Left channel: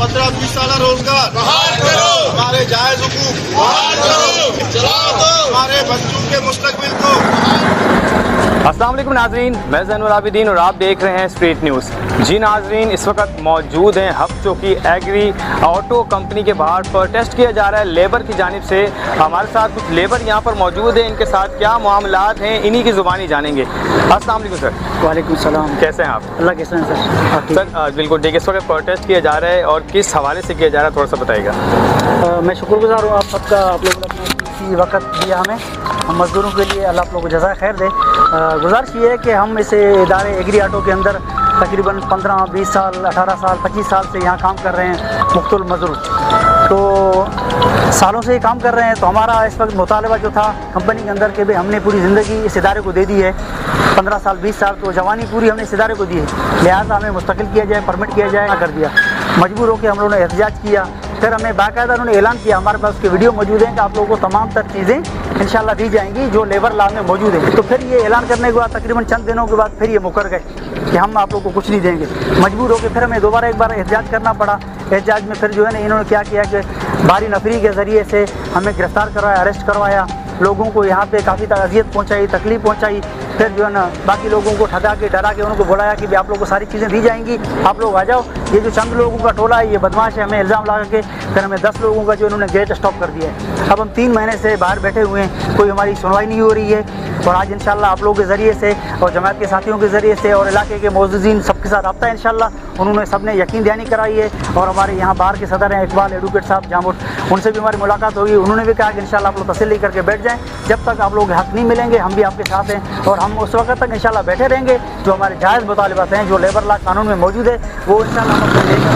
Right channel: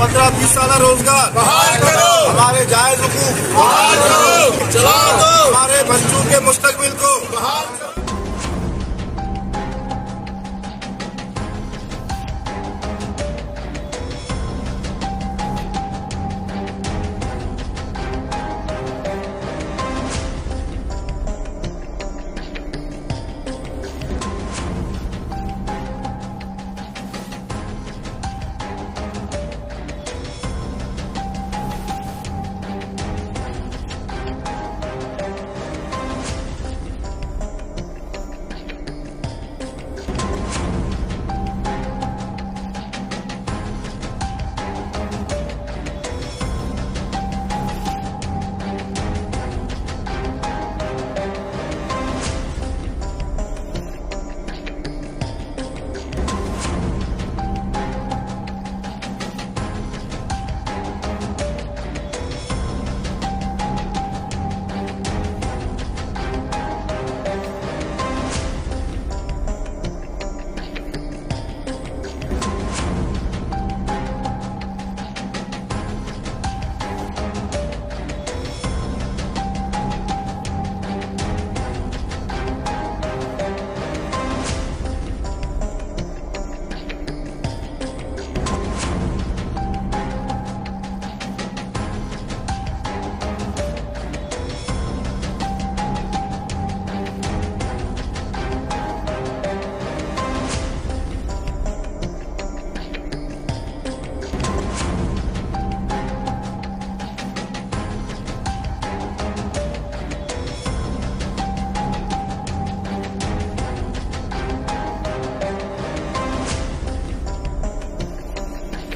15-20 साल रोजगार हमारे जायज हुकूक हमारे बच्चों के मुस्तकबिल को। अस्सलाम वालेकुम नाजरीन, मैं ज़ैनुल आबिदीन और आप देख रहे हैं स्ट्रीट न्यूज़। जी नाजरीन, इस वक्त मौजूद हैं हब चौकी एग्री ऑटो कंपनी के बाहर प्रोटेस्ट किया जा रहा है लेबर की जानिब से। हमारे साथ कुछ लेबर यहाँ पर मौजूद हैं, इनके साथ क्या मामलात हैं इन्हीं की ज़ुबानी जानेंगे। अस्सलाम वालेकुम सर। वालेकुम सलाम। कैसे हैं आप? अल्लाह कैसे हैं सर? सर बिल्कुल ठीक है। इस वक्त प्रोटेस्ट किया जा रहा है और किस हवाले से किया जा रहा है, थोड़ा सा बताइएगा। मैं शुक्रगुजार हूँ आप सबका, आप लोगों ने इसी वक्त दिया हमें, हम मज़दूरों के लिए अल्लाह आप लोगों को जज़ाए खैर दे। गुजारिश ये है कि हम इसे इदारे एग्री ऑटो के अंदर तकरीबन 15-20 साल 18 साल 25 साल से यहाँ काम कर रहे हैं मुख्तलिफ मज़दूर, तो सालों से ये काम कर रहे हैं। तो हमारा इस वक्त मुतालबा जो था कंपनी के अंदर के भी हमने पूरी ज़िंदगी इस इदारे को दे दी है, 15 साल 20 साल तो जवानी पूरी हमने इस इदारे को दी है, लिहाजा हमें मुस्तकिल किया जाए, परमिट किया जाए, कर दिया। मजबूर होकर हम लोगों ने एहतजाज किया, फिर हमें बाकायदा उन्होंने ऐलान किया, हमारे पास उसके वीडियो मौजूद हैं कि आप लोगों को तमाम तर चीज़ें इंशाल्लाह दी जाएंगी जो लेबर लॉ में मौजूद है। तो फिर ये ऐलान करने के बाद तकरीबन चंद दिनों के बाद फिर ये मुकर गए कि हम आप लोगों को कुछ नहीं देंगे। मजबूर होकर फिर हमें दोबारा एक बार एहतजाज करना पड़ा। एहतजाज में फिर जो है ना इन्होंने क्या किया कि भारी नफरी के ज़रिए से हमें गिरफ़्तार करवाया, अरेस्ट करवाया, लोगों को यहाँ पे काफ़ी अज़ियत पहुँचाई, तकलीफ पहुँचाई। फिर जो है ना बाकी लोगों को ठगा के डरा के उनको बुलाया कि आप लोगों को सारी चीज़ें दी जाएंगी, आप लोग आ जाओ। ये जो चंद लोगों का टोला है ये बदमाश है, हमें इल्ज़ाम लगा के फिर हमें 10 लोगों का जो इन्होंने गेट स्टॉप कर दिया है। अब हम 3 महीने से बाहर बैठे हुए हैं, कोई हमारी सुनवाई नहीं हो रही है। और आज इंशाल्लाह आप लोगों के ज़रिए से और जमात के साथियों के ज़रिए से और इलाके के मौजूदीन सबके साथ रब्ता है इंशाल्लाह। उन्होंने सबने यकीन दहानी कराई है और हमारे यहाँ बाहर के सदर हैं इकबाल एडवोकेट साहब जामुर, उनसे भी हमारी मुलाकात होगी। उन्होंने भी कहा कि इंशाल्लाह आप लोग तसल्ली करके बैठ जाएँ, जब तक आप लोग हक़ नहीं मिलेंगे हम भी आपके साथ हैं और हम उस वक्त तक इंशाल्लाह बैठे रहेंगे। जो हमारे जायज़ मुतालिबात हैं जो लेबर लॉ कानून में मौजूद है वो इंशाल्लाह हम अपने देंगे।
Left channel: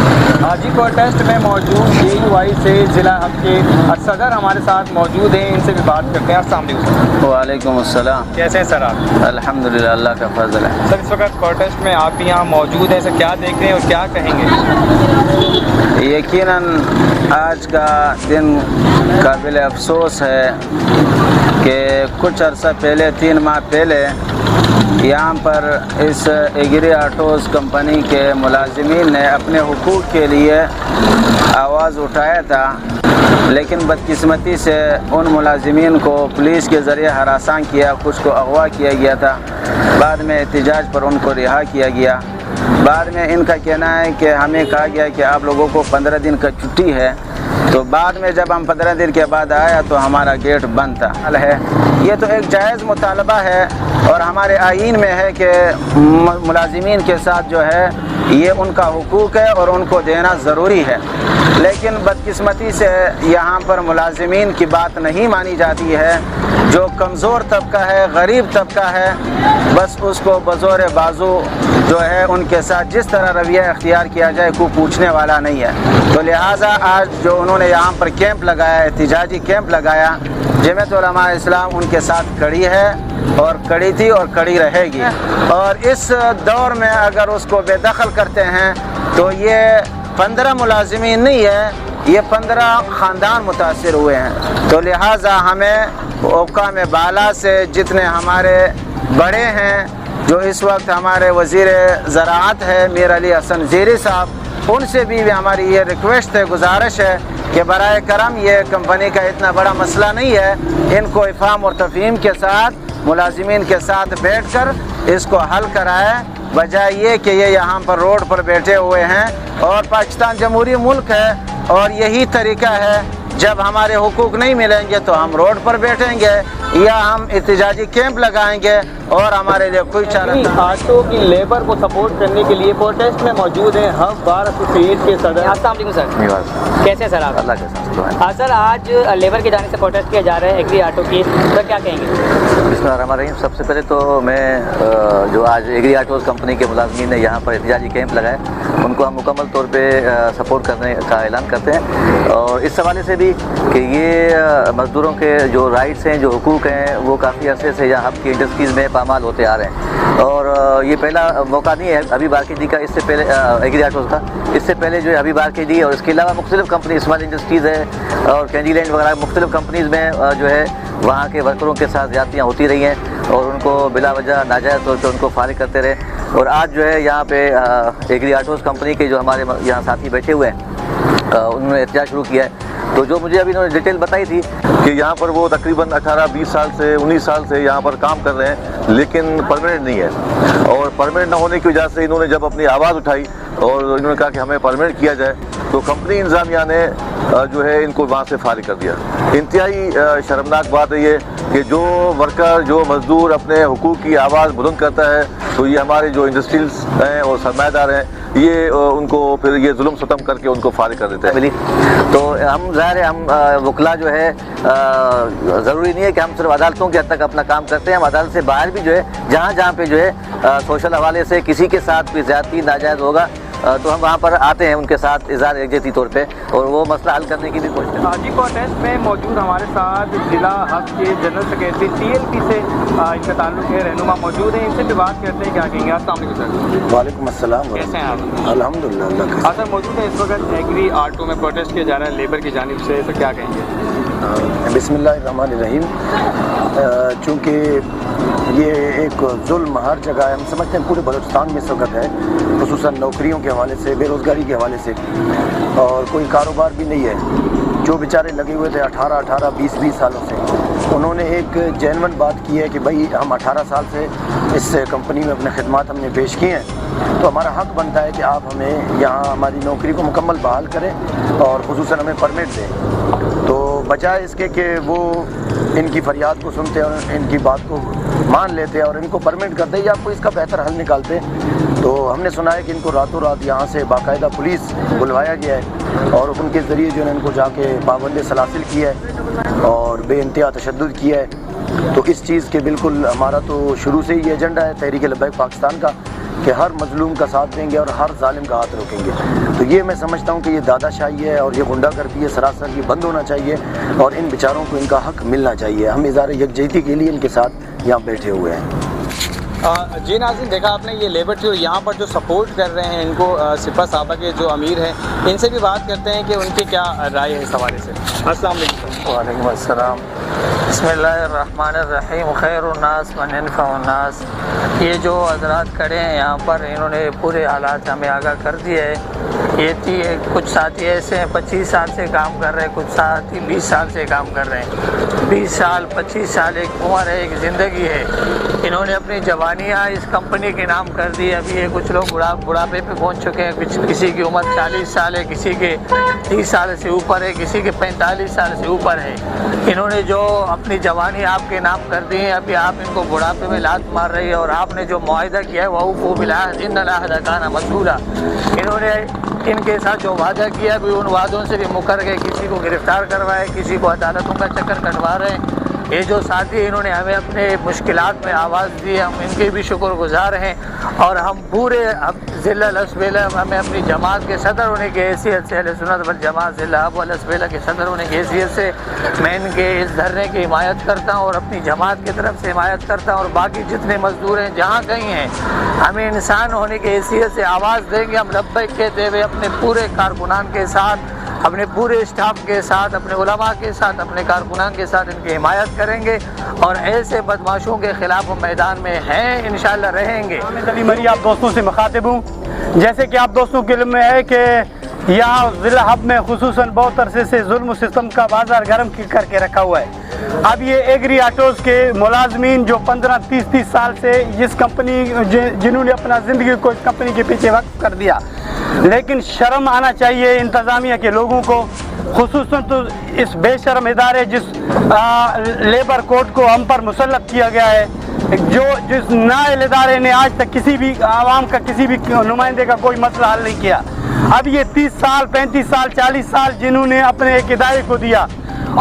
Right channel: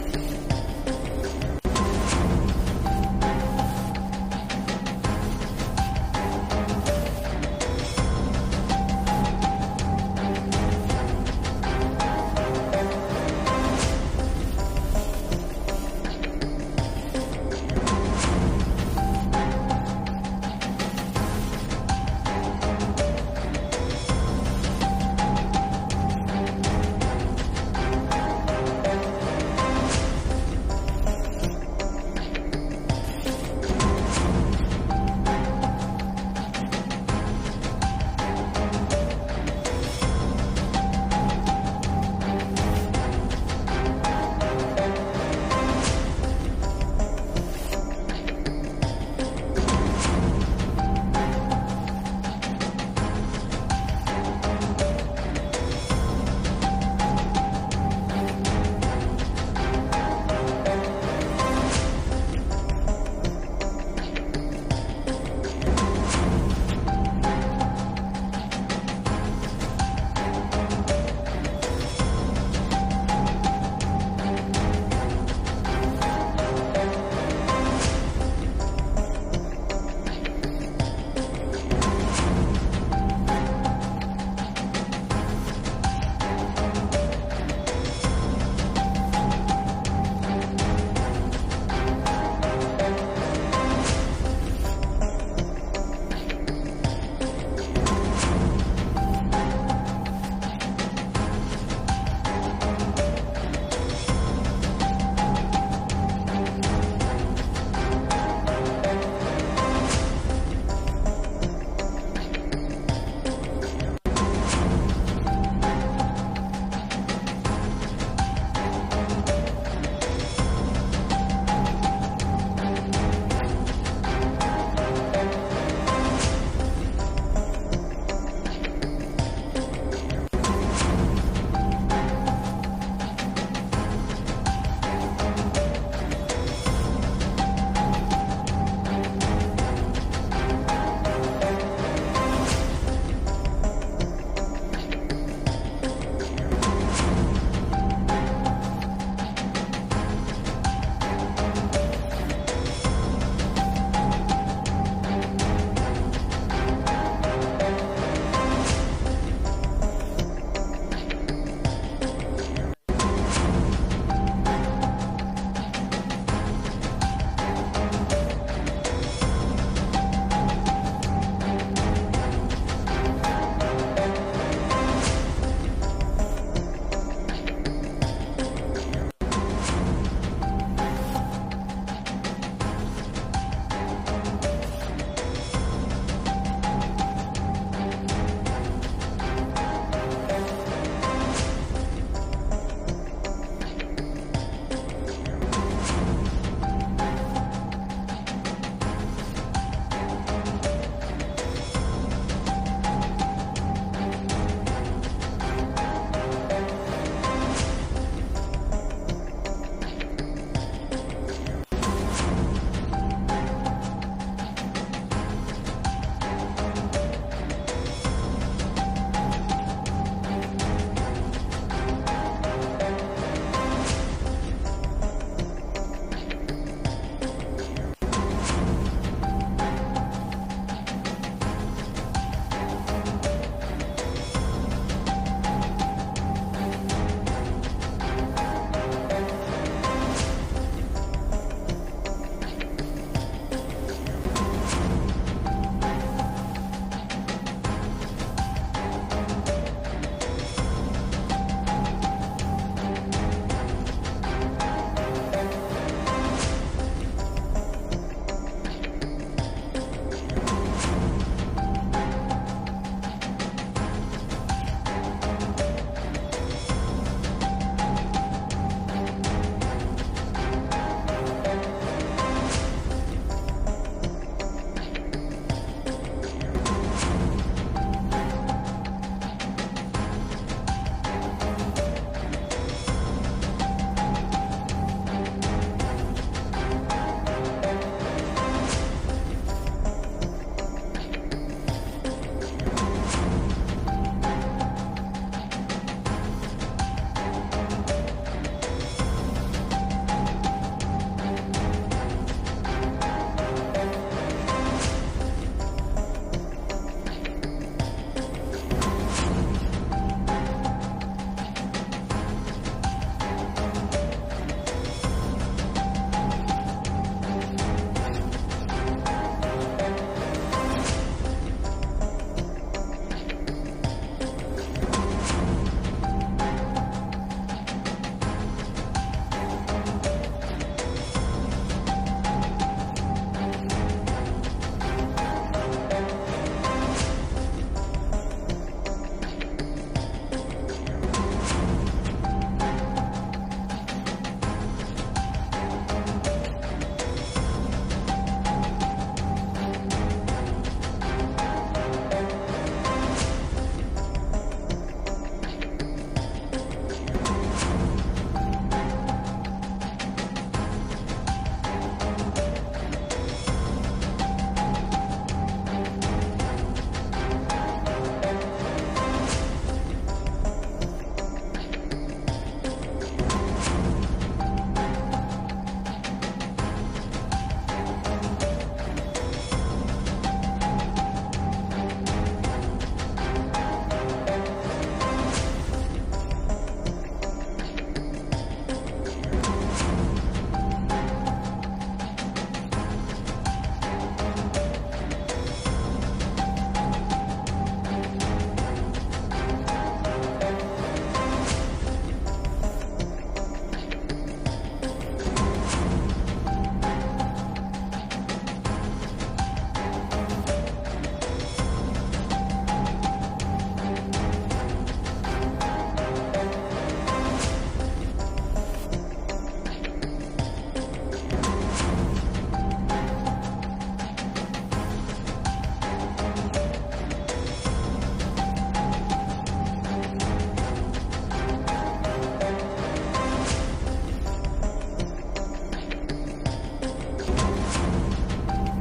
आज ही प्रोटेस्ट में मौजूद DUI से ज़िला हब के सदर हमारे साथ मौजूद हैं, इनसे भी बात करते हैं। अस्सलाम वालेकुम। वालेकुम अस्सलाम। कैसे हैं सर आप? अल्हम्दुलिल्लाह, अल्लाह का फजल है। सर इस वक्त प्रोटेस्ट में आप यहाँ मौजूद हैं, सर क्या देख रहे हैं और क्या कहेंगे? यकीनन आज का दिन काबिल अफसोस है कि कुछ अर्सा पहले 3 माह पहले यहाँ पर इस एग्री ऑटोज़ कंपनी के मुलाजिमीन ने अपने हुकूक के लिए आवाज़ उठाया था, लेकिन बदकिस्मती से उन मुलाजिमीन को पुलिस के ज़रिए हरासान किया, कुछ को अगवा किया गया था। बाद में एहतजाज पर उनको रिहा किया गया। बाद में इनका कहना है कि हमें कहा गया कि आप लोगों को 15 दिन का छुट्टी है, तो बाद में जब हम 15 दिन के बाद आया तो हमारा गेट बंद था। ये तो एक जायज़ मुतालबा है और हमारे आईन में है कि मुलाजिमीन के साथ जो है ये उनका हुकूक है और उनको देना ज़रूरी है, लेकिन बदकिस्मती से यहाँ पर मुलाजिमीन की बात नहीं मानी जाती है। जो कमज़ोर तबका है, गरीब तबका है, बस उसको बज़ोर बाजू जो है उनके साथ जिस तरह रवैया अख्तियार किया जाए कोई पूछने वाला नहीं है। तो लिहाजा आज जो उन्होंने यहाँ पर कैंप लगाया, एहतिजाजी कैंप लगाया, जमात उलमा इस्लाम उनके साथ खड़ी है और खड़ी थी और खड़ी रहेगी। और इस दौर में अगर उसको बेदखल करते हैं तो ये 15 मुलाजिमीन नहीं है, ये 15 ख़ानदान मुतासिर हुए हैं। तो लिहाजा हमें हुक्काम बाला से जितने हमारे बड़े हैं, जो इस वक्त हमारे वज़ीर ज़राअत है मीर अली हसन ज़ेरी साहब, उनसे भी हमारी ये रिक्वेस्ट है, गुजारिश है कि बराए करम ये कंपनी का इतना बड़ा मसला नहीं है, इनको इफ़हाम और तफ़हीम के साथ मुलाजिमीन के साथ बैठ कर इसको हल कराए, बजाय ये कि ये यहाँ पर रोड पर बैठे हुए हैं। और पाकिस्तान जमहूरी मुल्क है और यही तरीका है, जब हमारे हुकूक नहीं मिलेंगे तो हम रोड पर बैठेंगे या हम एहतिजाजी कैंप लगाएंगे और हमारे लिए कोई चारा नहीं। ऑटो की लेबर को सपोर्ट करने के लिए प्रोटेस्ट में मौजूद हैं हब बार एसोसिएशन के सदर। अस्सलाम वालेकुम सर, कैसे हैं सर आप? सर आज लेबर की जानिब से प्रोटेस्ट किया जा रहा है एग्री ऑटो की, सर क्या कहेंगे? हमारे सबसे पहले तो मैं जो आज एग्री ऑटोज़ कंपनी के मुलाज़िमीन ने यहाँ पर एहतिजाजी कैंप लगाए उनको हम मुकम्मल तौर पे सपोर्ट करने का ऐलान करते हैं। और इस हवाले से भी कि ये मज़दूरों के जो राइट्स हैं, जो हुकूक हैं, वो काफ़ी अर्से से यहाँ की इंडस्ट्रीज़ में पामाल होते आ रहे हैं। और ये पहला मौका नहीं है अभी बाकी जी का, इससे पहले एग्री ऑटोज़ का, इससे पहले जो है अभी बाकी जी और इसके अलावा मुख्तलिफ कंपनी स्मॉल इंडस्ट्रीज़ है और कैंडी लैंड वगैरह मुख्तलिफ कंपनीज़ में जो है वहाँ के वर्करों के साथ ज़्यादतियाँ होती रही हैं और उनको बिला वजह नाजायज़ तौर पर उनको फारिग करते रहे। اور آج جو ہے یہاں پہ ایگری آٹوز کمپنی کے جو ہمارے یہاں ساتھی بیٹھے ہوئے ہیں انہوں نے احتجاج شروع کیا ہے. تو جو مجھے ابھی انہوں نے ڈیٹیل بتائی تھی کہ یہاں پر وہ تقریباً 18-20 سال سے 19 سال سے یہاں پر کام کر رہے ہیں لیکن پرماننٹ نہیں ہے, اور پرماننٹ نہ ہونے کی وجہ سے انہوں نے جب اپنی آواز اٹھائی اور انہوں نے کہا کہ ہمیں پرماننٹ کیا جائے تو کمپنی انتظامیہ نے جو ہے ان کو وہاں سے فارغ کر دیا. انتہائی شرمناک بات ہے یہ کہ جو ورکر جو مزدور اپنے حقوق کی آواز بلند کرتا ہے تو یہ ہمارے جو انڈسٹریز ہیں اور سرمایہ دار ہیں یہ ان کو پھر یہ ظلم ستم کر کے ان کو فارغ کر دیتے ہیں. تو ہم ظاہر ہے ہم وکلا جو ہے ضروری نہیں ہے کہ ہم صرف عدالتوں کے حد تک اپنا کام کرتے ہیں, ہم عدالت سے باہر بھی جو ہے جہاں پہ جو ہے سوشل حوالے سے کسی کے ساتھ بھی زیادتی ناجائز ہوگا تو ہم وہاں پر آتے ہیں ان کے ساتھ اظہار یکجہتی طور پہ اور وہ مسئلہ حل کرنے کی بھی کوشش کرتے ہیں. آج پروٹیسٹ میں موجود ہمارے ساتھ ضلع حق کے جنرل سیکرٹری TLP سے ان کا تعلق ہے رہنما موجود ہیں, ان سے بھی بات کرتے ہیں. کیا کہیں گے آپ؟ السلام علیکم سر. وعلیکم السلام. کیسے ہیں آپ؟ الحمدللہ. سر موجود ہے اس وقت ایگری آٹو میں پروٹیسٹ کیا جا رہا ہے لیبر کی جانب سے, تو کیا کہیں گے؟ بسم اللہ الرحمن الرحیم. چونکہ یہ ایک ظلم ہر جگہ ہے, ہم سمجھتے ہیں پورے بلوچستان میں اس وقت ہے, خصوصاً نوکریوں کے حوالے سے, بے روزگاری کے حوالے سے, اور کوئی کاروبار بھی نہیں ہے. جو بیچارے لگے ہوئے تھے 18-20 سالوں سے, انہوں نے ایک جینون بات کی ہے کہ بھائی ہم 18 سال سے اس کمپنی میں اپنے خدمات ہم نے پیش کی ہیں تو ہمارا حق بنتا ہے کہ آپ ہمیں یہاں ہماری نوکری کو مکمل بحال کریں اور خصوصاً ہمیں پرمٹ دیں. تو بجائے اس کے کہ وہ ان کی فریاد کو سنتے اور ان کی بات کو مان لیتے اور ان کو پرمٹ کرتے یا آپ کو اس کا بہتر حل نکالتے, تو ہم نے سنا ہے کہ ان کو راتوں رات یہاں سے باقاعدہ پولیس بلوایا گیا ہے اور ان کے ذریعے جو ہے ان کو جا کے پابند سلاسل کیا ہے اور بے انتہا تشدد کیا ہے. تو اس چیز کے بالکل ہمارا تو شروع سے ہی یہ ایجنڈا ہے تحریک لبیک پاکستان کا کہ ہر مظلوم کا ساتھ دیں گے اور ہر ظالم کا ہاتھ روکیں گے. تو یہ میں سمجھتا ہوں کہ یہ دادا شاہی ہے اور یہ غنڈہ گردی ہے, سراسر یہ بند ہونا چاہیے اور ان بیچاروں کو ان کا حق ملنا چاہیے. ہم اظہار یکجہتی کے لیے ان کے ساتھ یہاں بیٹھے ہوئے ہیں. جی ناظرین, دیکھا آپ نے یہ لیبر جو یہاں پر جو سپورٹ کر رہے ہیں ان کو سپہ صحابہ کے جو امیر ہیں ان سے بھی بات کرتے ہیں کہ ان کی کیا رائے ہے اس حوالے سے. السلام علیکم. وعلیکم السلام. بسم اللہ الرحمن الرحیم. خیر الناس من ينفع الناس. یہ جو حضرات کھڑے ہیں یہاں پر انہوں نے پورے حالات ہمیں آگاہ کر دیے ہے. یہ کچھ ساتھی ایسے ہیں 25 سال سے کام کر رہے ہیں, کچھ ساتھی 20 سال سے کام کر رہے ہیں. 20 سال 25 سال ایک عمر ہے, ایک زندگی ہے. انہوں نے اپنی جوانیاں اس کمپنی کے نام کر دی. ابھی یہ کچھ لوگ بڑھاپے پہ پہنچ چکے ہیں, کسی کی عمر 40 سال ہے, کسی کے 30 سال سے اوپر ہے, کسی کے 45 سال سے اوپر ہے. انہوں نے جو اپنی جوانی آپ کے نام کر دی ہے, ابھی آپ ان کو بڑھاپے میں لات مار رہی ہے اور آپ نے جو معاہدہ کیا ہے وہ بالعہد ان العہد کان مسئولا. انہوں نے ان کے ساتھ جو وعدہ کیا بھی ان وعدوں سے بھی مکر گئے, کسی کو گرفتار کروائے, کسی کو عدالتوں کا چکر کٹوا رہے ہیں. یہ جو ساتھی انہوں نے ہمیں اپنے مشکلات میں آواز دی, ہم ان کے بھی شکر گزار ہیں. اور ہم پورے ضلع لسبیلہ ہمیں اپنی جماعت کے صدر ہونے کی حیثیت سے, اہل سنت والجماعت ضلع اب لسبیلہ کے صدر ہونے کی حیثیت سے میں ان کے اس دھرنے کی حمایت کرتا ہوں اور اپنی جماعت کی طرف سے حمایت کرتا ہوں. اور باقی جتنے مزدور ہیں جہاں کہیں ہیں ہمیں انسان ہونے کی حیثیت سے آواز دیں گے. ہم لبیک کہتے ہوئے اپنے پورے کارکنان کے ساتھ, اپنے پورے اسٹاف کے ساتھ, اپنے علماء کے ساتھ, اپنے کارکنان کے ساتھ ان کی حمایت کریں گے اور ایسے بدماشوں کے خلاف وہ میدان میں ہیں, انشاءاللہ رہیں گے. مری آپ دوستوں سے مخاطب ہوں. جیسے کہ آپ دوستوں کے علم میں ہے کہ یہاں ضلع حب میں خصوصاً بہت عرصے سے ظلم و ستم کا بازار گرم کر کے رکھا ہوا ہے. اب یہ ایگری آٹوز کے ملازمین جو 15-30 سال سے اس کمپنی جنہوں نے اپنا زندگی کو اس کمپنی کے پیچھے وقف کر دیا, لیکن شرم آنا چاہیے انتظامیہ کے لوگوں کو, خصوصاً تو اس بے شرم ادارے جس لیبر کوڈ کو ہم پر مسلط کیا گیا ہے, جس نائل ادارے نے آج تک کسی بھی عوام کا کسی بھی نمائندے کا کوئی مسئلہ حل نہیں کیا. اب یہ 30 سال 35 سال 40 سال جنہوں نے اپنے ایک ادارے کو دیا,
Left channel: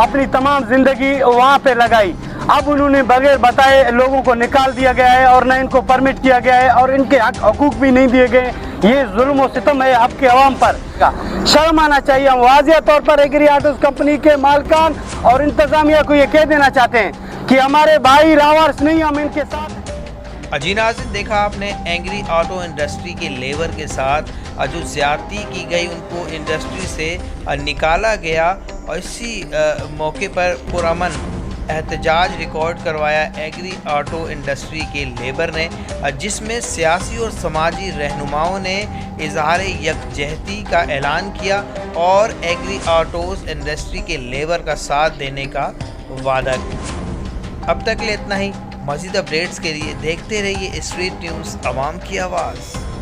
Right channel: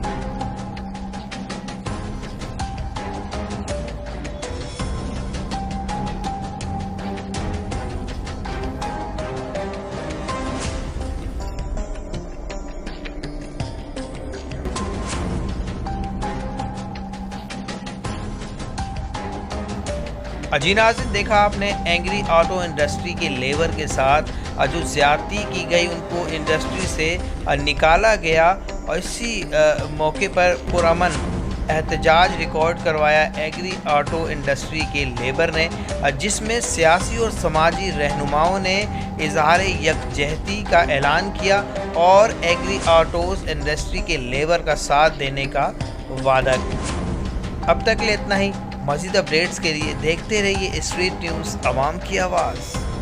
اپنی تمام زندگی وہاں پہ لگائی, اب انہوں نے بغیر بتائے لوگوں کو نکال دیا گیا ہے اور نہ ان کو پرمٹ کیا گیا ہے اور ان کے حقوق بھی نہیں دیے گئے. یہ ظلم و ستم ہے آپ کے عوام پر. شرم آنا چاہیے. ہم واضح طور پر ایگری آٹوز کمپنی کے مالکان اور انتظامیہ کو یہ کہہ دینا چاہتے ہیں کہ ہمارے بھائی راورس نہیں, ہم ان کے ساتھ. جی ناظرین, دیکھا آپ نے ایگری آٹو انڈسٹری کے لیبر کے ساتھ جو زیادتی کی گئی ان کو انڈسٹری سے نکالا گیا اور اسی موقع پر پرامن احتجاج ریکارڈ کروایا ایگری آٹو انڈسٹری کے لیبر نے، جس میں سیاسی اور سماجی رہنماؤں نے اظہار یکجہتی کا اعلان کیا اور ایگری آٹوز انڈسٹری کے لیبر کا ساتھ دینے کا وعدہ کیا۔ اب تک کے لیے اتنا ہی۔ مزید اپڈیٹس کے لیے دیکھتے رہیے اسٹریٹ نیوز، عوام کی آواز۔